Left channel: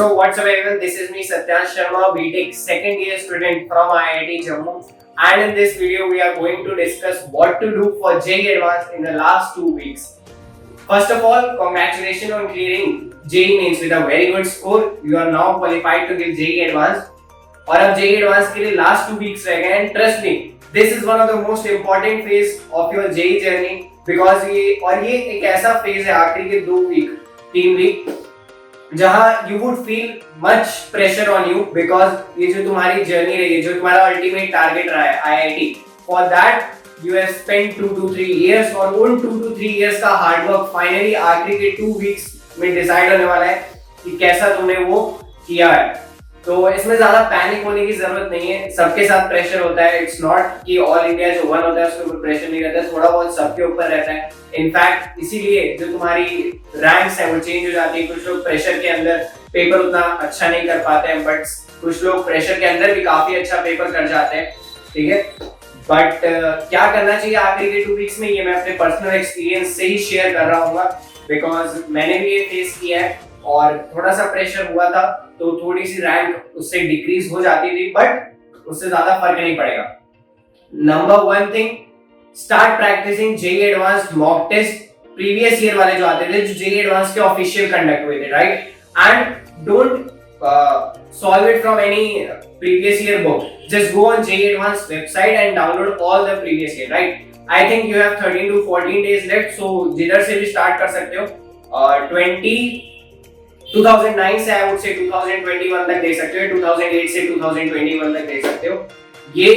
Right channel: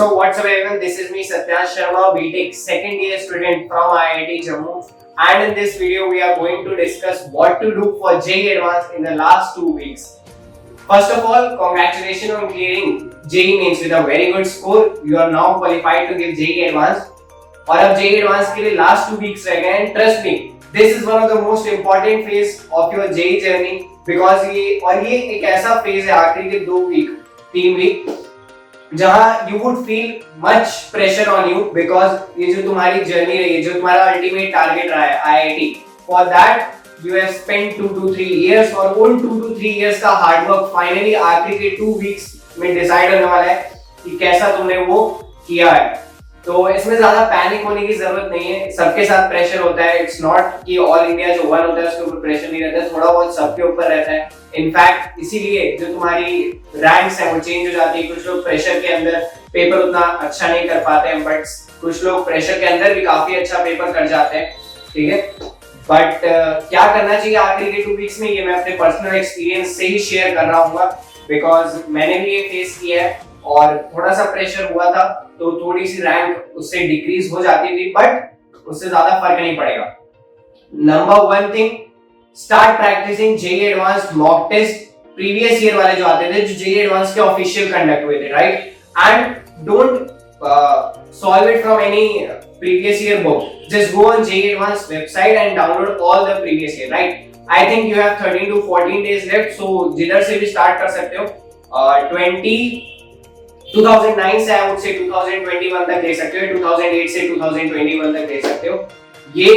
So what's up everyone, this is me Satyash Sharma, BTech second year student from IIT Jammu, and in this video we are going to discuss what to do for JEE Advanced in the last 2 weeks. First of all, congratulations on clearing JEE Mains with a very good score. You are now qualified to give JEE Advanced. और अब JEE Advanced के लिए last 2 weeks रह गए हैं. Trust me, this is one of the most important phase of your JEE journey because ये एक ऐसा phase है आखिरी के 2 week 3 week जहां you would feel much pressure on you because ये जो तुम्हारी जर्नी रही है, जो तुम्हारा अल्टीमेट टारगेट रहा है IIT, for that you have spent 2 to 3 years और उन 2 to 3 years का हार्ड वर्क फाइनली आखिरी के 2 वीक्स में डिसाइड होने वाला है कि कैसा तुमने वो किया है. तो इसमें ज्यादा पैनिक होने की जरूरत नहीं है. सबके साथ प्रेशर होता है. इट्स नॉट कि ऑल इंडिया जो वन होता है उसके ऊपर प्रेशर नहीं रहता है, थोड़ा बहुत सबके ऊपर रहता है. इनफैक्ट इसीलिए जो तुम्हारी रैंक्स है वो चेंज हो जाती है. कुछ लोग प्रेशर के अंदर पेपर उतना अच्छा नहीं कर पाते हैं, बट कुछ लोग प्रेशर के अंदर भी काफी अच्छा पेपर कर जाते हैं. ठीक है, बट क्या करना चाहिए आखिरी के 2 वीक्स में, ये मैं अपने पर्सनल एक्सपीरियंस से ही शेयर कर रहा हूँ बिकॉज मैंने भी ये फेस किया है और थोड़ा सा प्रेशर हुआ था तो थोड़ी सी रैंक उससे डिक्रीज हो जाती थी, बट उससे ज्यादा फर्क नहीं पड़ेगा. Number 1 thing, start practising JEE advanced mock test. Previous year वाले जो आते थे, जो JEE एडवांस्ड के ऑफिशियल कंडक्ट हुए थे, right, and don't solve it from any previous year book. Just go on JEE Advanced website and download all the previous year, right? I think you have 13 to 14 days left, so जिधर से भी start कर सकते हो. 2009 से I would say 2021 तक दे सकते हो, 2008 से 2021 तक दे सकते हो. ये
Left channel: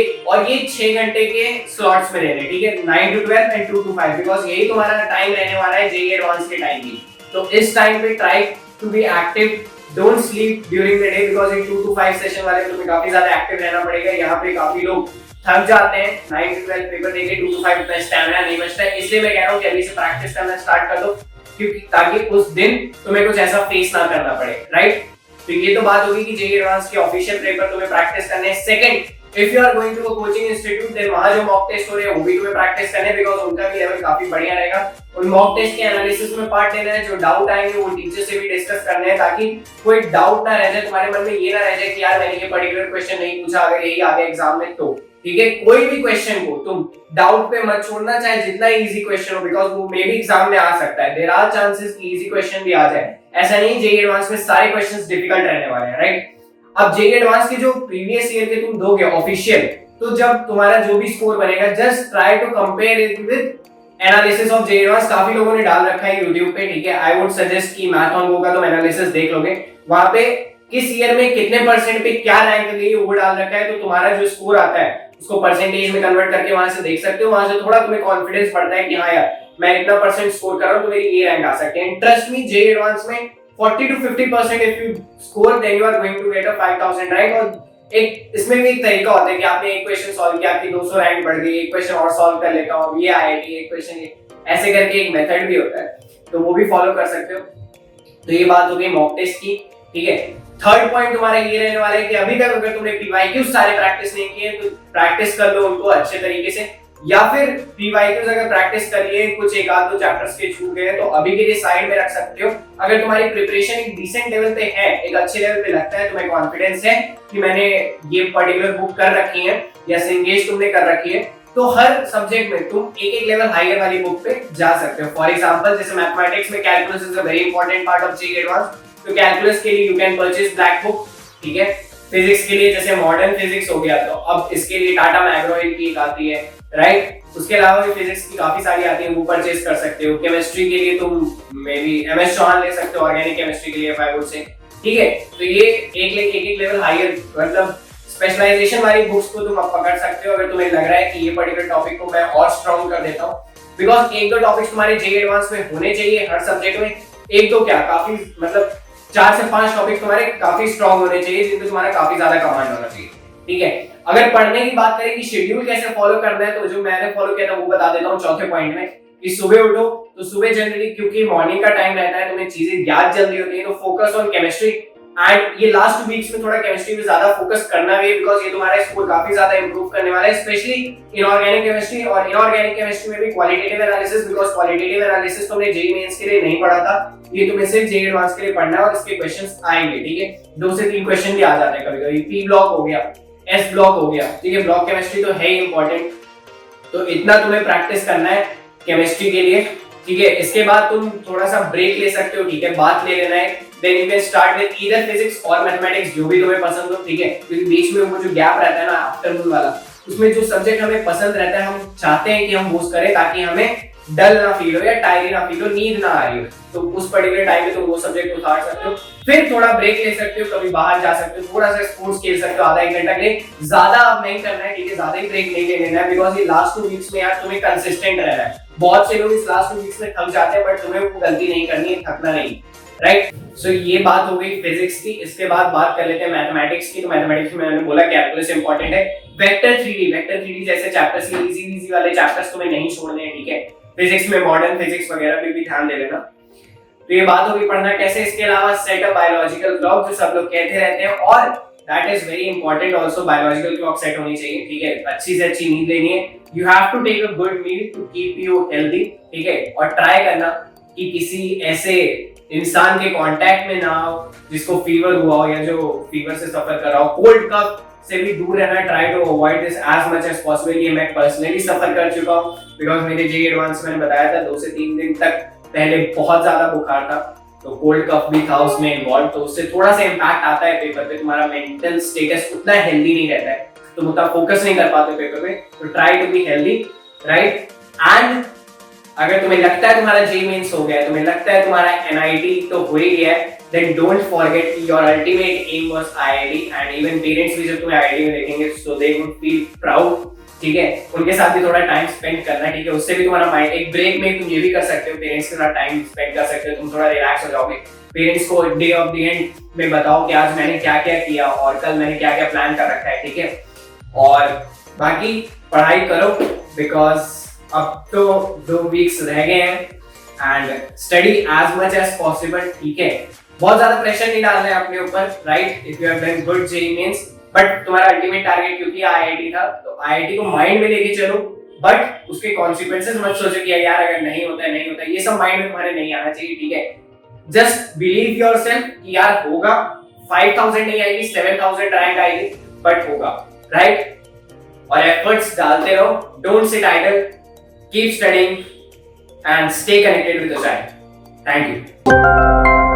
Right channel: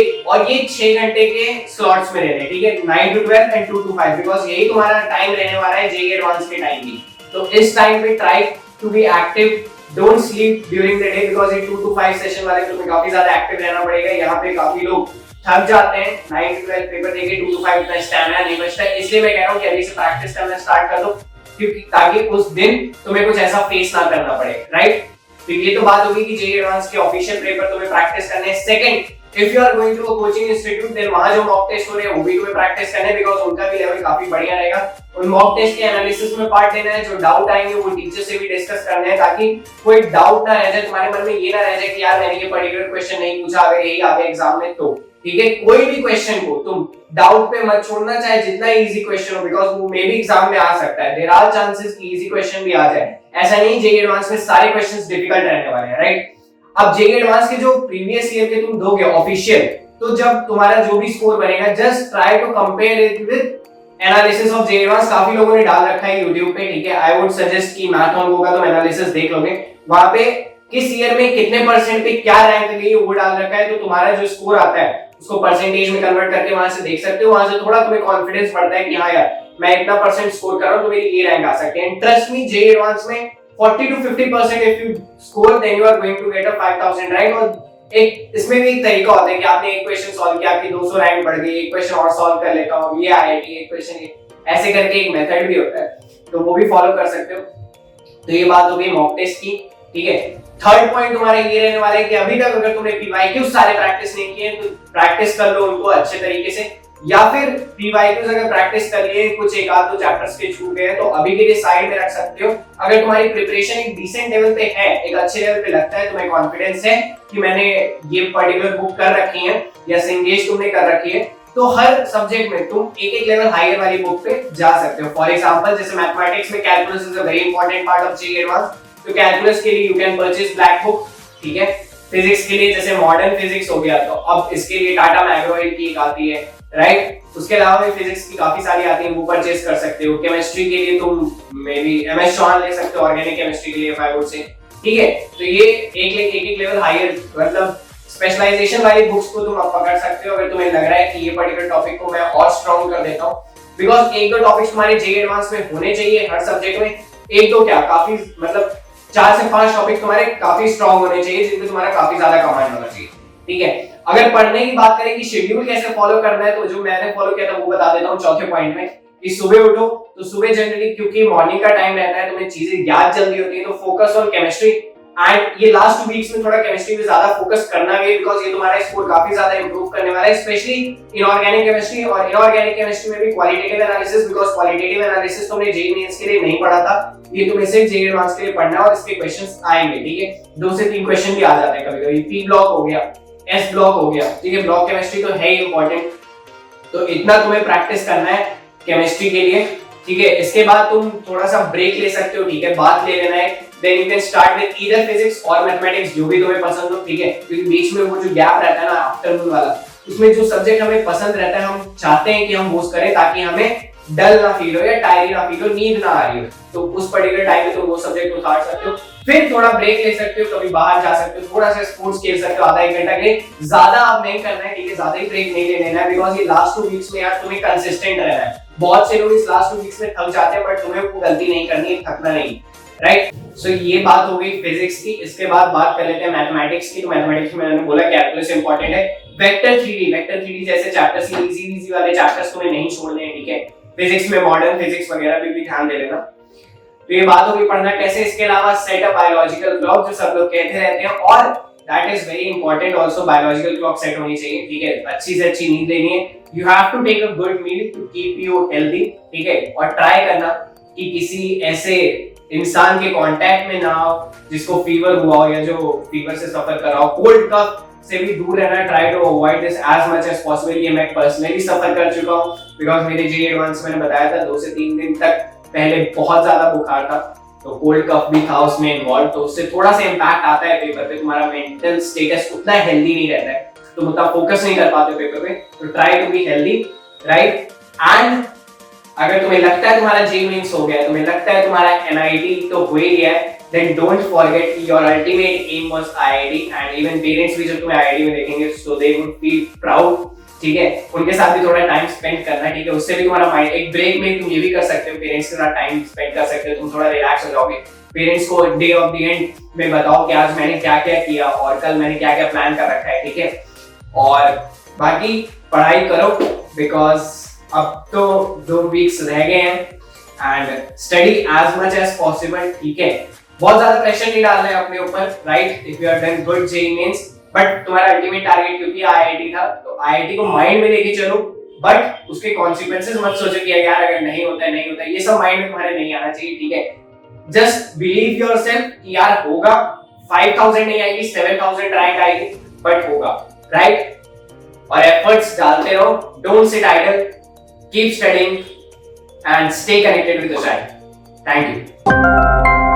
6 घंटे के स्लॉट्स में रहने, ठीक है, 9 to 12 and 2 to 5, बिकॉज यही तुम्हारा टाइम रहने वाला है JEE एडवांस के टाइम की. तो इस टाइम पे try to be active. Don't sleep during the day because ये 2 to 5 सेशन वाले तुम्हें काफी ज्यादा एक्टिव रहना पड़ेगा. यहाँ पे काफी लोग थक जाते हैं 9 to 12 पेपर देके, 2 to 5 इतना स्टैमिना नहीं बचता है. इसलिए मैं कह रहा हूँ कि अभी से प्रैक्टिस करना स्टार्ट कर दो, क्योंकि ताकि उस दिन तुम्हें कुछ ऐसा फेस ना करना पड़े, राइट. तो ये तो बात होगी कि JEE एडवांस के ऑफिशियल पेपर तुम्हें प्रैक्टिस करने हैं. Second, if you are going to a coaching institute, then वहां जो मॉक टेस्ट हो रहे हैं वो भी तुम्हें प्रैक्टिस करने हैं बिकॉज़ उनका भी लेवल काफी बढ़िया रहेगा. उन मॉक टेस्ट के एनालिसिस में पार्ट लेना है. जो डाउट आएंगे वो टीचर से भी डिस्कस करना है ताकि कोई डाउट ना रह जाए तुम्हारे मन में. ये ना रह जाए कि यार मैंने ये पर्टिकुलर क्वेश्चन नहीं पूछा, अगर यही आ गया एग्जाम में तो. ठीक है, कोई भी क्वेश्चन को तुम डाउट पे मत छोड़ना, चाहे जितना इजी क्वेश्चन हो, बिकॉज वो मे भी एग्जाम में आ सकता है. देयर आर चांसेस कि इजी क्वेश्चन भी आ जाए. ऐसा नहीं JEE एडवांस में सारे क्वेश्चंस डिफिकल्ट रहने वाले हैं, राइट. अब JEE एडवांस के जो प्रीवियस ईयर के तुम दोगे ऑफिशियल, तो जब तुम्हारा जो भी स्कोर बनेगा, just try to compare it with analysis of JEE advance. काफी लोगों ने डाल रखा है YouTube पे, ठीक है. आई वुड सजेस्ट कि मैथ ऑन गो का तुम एनालिसिस देख लोगे. वहां पे किस ईयर में कितने परसेंट पे क्या रैंक गई है वो डाल रखा है. तो तुम्हारा जो स्कोर आता है उसको परसेंटेज में कन्वर्ट करके वहां से देख सकते हो. वहां से थोड़ा तुम्हें कॉन्फिडेंस बढ़ता है कि हाँ यार मैं इतना परसेंट स्कोर कर रहा हूं तो मेरी ये रैंक आ सकती है. ट्रस्ट मी, JEE एडवांस में 40 to 50% if you score then you are going to get a 5000, right. और एक इसमें भी एक तरीका होता है कि आपने एक क्वेश्चन सॉल्व किया, आपकी 200 रैंक बढ़ गई, एक क्वेश्चन और सॉल्व कर लेता हूं, ये IIT, एक क्वेश्चन ये, ऐसे करके एक मेथड भी होता है, तो वो भी फॉलो कर सकते हो. तो ये बात हो गई मॉक टेस्ट की, ठीक है. थर्ड पॉइंट तुम्हारा ये रहने वाला है कि अभी तक अगर तुमने PYQs सारे प्रैक्टिस नहीं किए तो प्रैक्टिस कर लो उनको अच्छे तरीके से, या फिर PYQs अगर प्रैक्टिस कर लिए, कुछ एक आध दो चैप्टर्स के छूट गए तो अभी के लिए साइड में रख सकते हो. अगर तुम्हारी प्रिपरेशन एक डिसेंट लेवल पे है, एक अच्छे लेवल पे लगता है, तुम्हें कॉन्फिडेंस है कि मैंने ये पर्टिकुलर बुक कर रखी है या सिंगेज तुमने कर रखी है, तो हर सब्जेक्ट में तुम एक लेवल हायर वाली बुक पे जा सकते हो. फॉर एग्जांपल, जैसे मैथमेटिक्स में calculus is a very important part of JEE advance, तो कैलकुलस के लिए you can purchase black book, ठीक है. फिजिक्स के लिए जैसे मॉडर्न फिजिक्स हो गया, तो अब इसके लिए टाटा मैग्रो-हिल की एक आती है, राइट. उसके अलावा भी फिजिक्स की काफी सारी आती है, वो परचेज कर सकते हो. केमिस्ट्री के लिए तुम मे बी MS चौहान ले सकते हो, ऑर्गेनिक केमिस्ट्री के लिए आई वुड से, ठीक है. तो ये एक लेवल हायर, मतलब स्पेशलाइजेशन वाली बुक्स को तुम अब पकड़ सकते हो अगर तुम्हें लग रहा है कि ये पर्टिकुलर टॉपिक को मैं और स्ट्रॉन्ग कर देता हूँ. बिकॉज एक दो टॉपिक्स तुम्हारे JEE एडवांस में होने चाहिए हर सब्जेक्ट में. एक दो क्या, काफी मतलब 4 से 5 टॉपिक तुम्हारे काफी स्ट्रॉन्ग होने चाहिए जिनको तुम्हारा काफी ज्यादा कमांड होना चाहिए, ठीक है. अगर पढ़ने की बात करें कि शेड्यूल कैसे फॉलो करना है, तो जो मैंने फॉलो किया था वो बता देता हूँ चौथे पॉइंट में. कि सुबह उठो, तो सुबह जनरली क्योंकि मॉर्निंग का टाइम रहता है, तुम्हें चीजें याद जल्दी होती है, तो फोकस ऑन केमिस्ट्री. एंड ये लास्ट 2 वीक्स में थोड़ा केमिस्ट्री पे ज्यादा फोकस करना भी, बिकॉज ये तुम्हारा स्कोर काफी ज्यादा इंप्रूव करने वाला है, स्पेशली इनऑर्गेनिक केमिस्ट्री। और इनऑर्गेनिक केमिस्ट्री में भी qualitative analysis, because qualitative analysis तुमने जेईई मेंस के लिए नहीं पढ़ा था, ये तुम्हें सिर्फ जेईई एडवांस के लिए पढ़ना है और इसके क्वेश्चंस आएंगे, ठीक है। 2 से 3 क्वेश्चन भी आ जाते हैं कभी कभी। पी ब्लॉक हो गया, एस ब्लॉक हो गया, ठीक है। ब्लॉक केमिस्ट्री तो है ही इंपॉर्टेंट, तो इतना तुम्हें प्रैक्टिस करना है केमिस्ट्री के लिए, ठीक है। इसके बाद तुम थोड़ा सा ब्रेक ले सकते हो, ठीक है, बात ले लेना है। Then you can start with either physics और मैथमेटिक्स, जो भी तुम्हें पसंद हो, ठीक है। क्योंकि बीच में वो जो गैप रहता है ना आफ्टरनून वाला, उसमें जो सब्जेक्ट हमें पसंद रहता है हम चाहते हैं कि हम वो करें ताकि हमें डल ना फील हो या टायरी ना फील हो, नींद ना आ रही हो, तो उस पर्टिकुलर टाइम में तुम वो सब्जेक्ट उतार सकते हो। फिर थोड़ा ब्रेक ले सकते हो, कभी बाहर जा सकते हो, थोड़ा सा स्पोर्ट्स खेल सकते हो आधा 1 घंटा के लिए, ज्यादा अब नहीं करना है, ठीक है। ज्यादा ही ब्रेक नहीं ले लेना है, बिकॉज ये लास्ट 2 वीक्स में यार तुम्हें कंसिस्टेंट रहना है। बहुत से लोग इस लास्ट 2 वीक्स में थक जाते हैं, बट तुम्हें वो गलती नहीं करनी है, थकना नहीं, राइट। सो ये बात हो गई फिजिक्स की। इसके बाद बात कर लेते हैं मैथमेटिक्स की। तो मैथमेटिक्स में मैंने बोला कैलकुलस इंपॉर्टेंट है। वेक्टर 3D जैसे चैप्टर्स, इजी वाले चैप्टर्स तुम्हें नहीं छोड़ने हैं, ठीक है। फिजिक्स में मॉडर्न फिजिक्स वगैरह पे भी ध्यान दे लेना। तो ये बात होगी पढ़ना कैसे। इसके अलावा सेट अप बायोलॉजिकल क्लॉक, जो सब लोग कहते रहते हैं, और that is very important also, biological clock set होनी चाहिए, ठीक है। अच्छी से अच्छी नींद लेनी है। You have to take a good meal to keep you healthy, ठीक है। और ट्राई करना कि किसी ऐसे इंसान के कांटेक्ट में ना हो जिसको फीवर हुआ हो या जो फीवर से सफर कर रहा हो। कोल्ड कफ से भी दूर रहना, try to avoid this as much as possible. ये मैं पर्सनली सफर कर चुका हूं, बिकॉज मेरे जेईई एडवांस मैंने बताया था 2 से 3 दिन तक पहले बहुत ज्यादा बुखार था, तो कोल्ड कफ भी था उसमें इन्वॉल्व, तो उससे थोड़ा सा इम्पैक्ट आता है पेपर पे। तुम्हारा मेंटल स्टेटस उतना हेल्दी नहीं रहता है, तुम उतना फोकस नहीं कर पाते पेपर पे। तो try to be healthy, right. And अगर तुम्हें लगता है तुम्हारा जेईई मेंस हो गया है, तुम्हें लगता है तुम्हारा एनआईटी तो हो ही गया है, then don't forget your ultimate aim was IIT, and even parents भी जब तुम्हें IIT में देखेंगे so they would feel proud, ठीक है। उनके साथ भी थोड़ा टाइम स्पेंड करना, ठीक है। उससे भी तुम्हारा माइंड, एक ब्रेक में तुम ये भी कर सकते हो, पेरेंट्स के साथ टाइम स्पेंड कर सकते हो, तुम थोड़ा रिलैक्स हो जाओगे। पेरेंट्स को डे ऑफ द एंड में बताओ कि आज मैंने क्या क्या किया और कल मैंने क्या क्या प्लान कर रखा है, ठीक है। और बाकी पढ़ाई करो, बिकॉज अब तो 2 वीक्स रह गए हैं, and study as much as possible, ठीक है। बहुत ज्यादा प्रेशर नहीं डालना है अपने ऊपर, right. If you are done good JEE mains, but तुम्हारा अल्टीमेट टारगेट क्योंकि आईआईटी था, तो आईआईटी को माइंड में लेके चलो, बट उसके कॉन्सिक्वेंसेस मत सोचो कि यार अगर नहीं होता है नहीं होता है, ये सब माइंड में तुम्हारे नहीं आना चाहिए, ठीक है। जस्ट बिलीव योरसेल्फ कि यार होगा, 5000 नहीं आएगी 7000 रैंक आएगी, बट होगा, राइट। और एफर्ट्स डालते रहो, don't sit idle, keep studying and stay connected with the child. Thank you.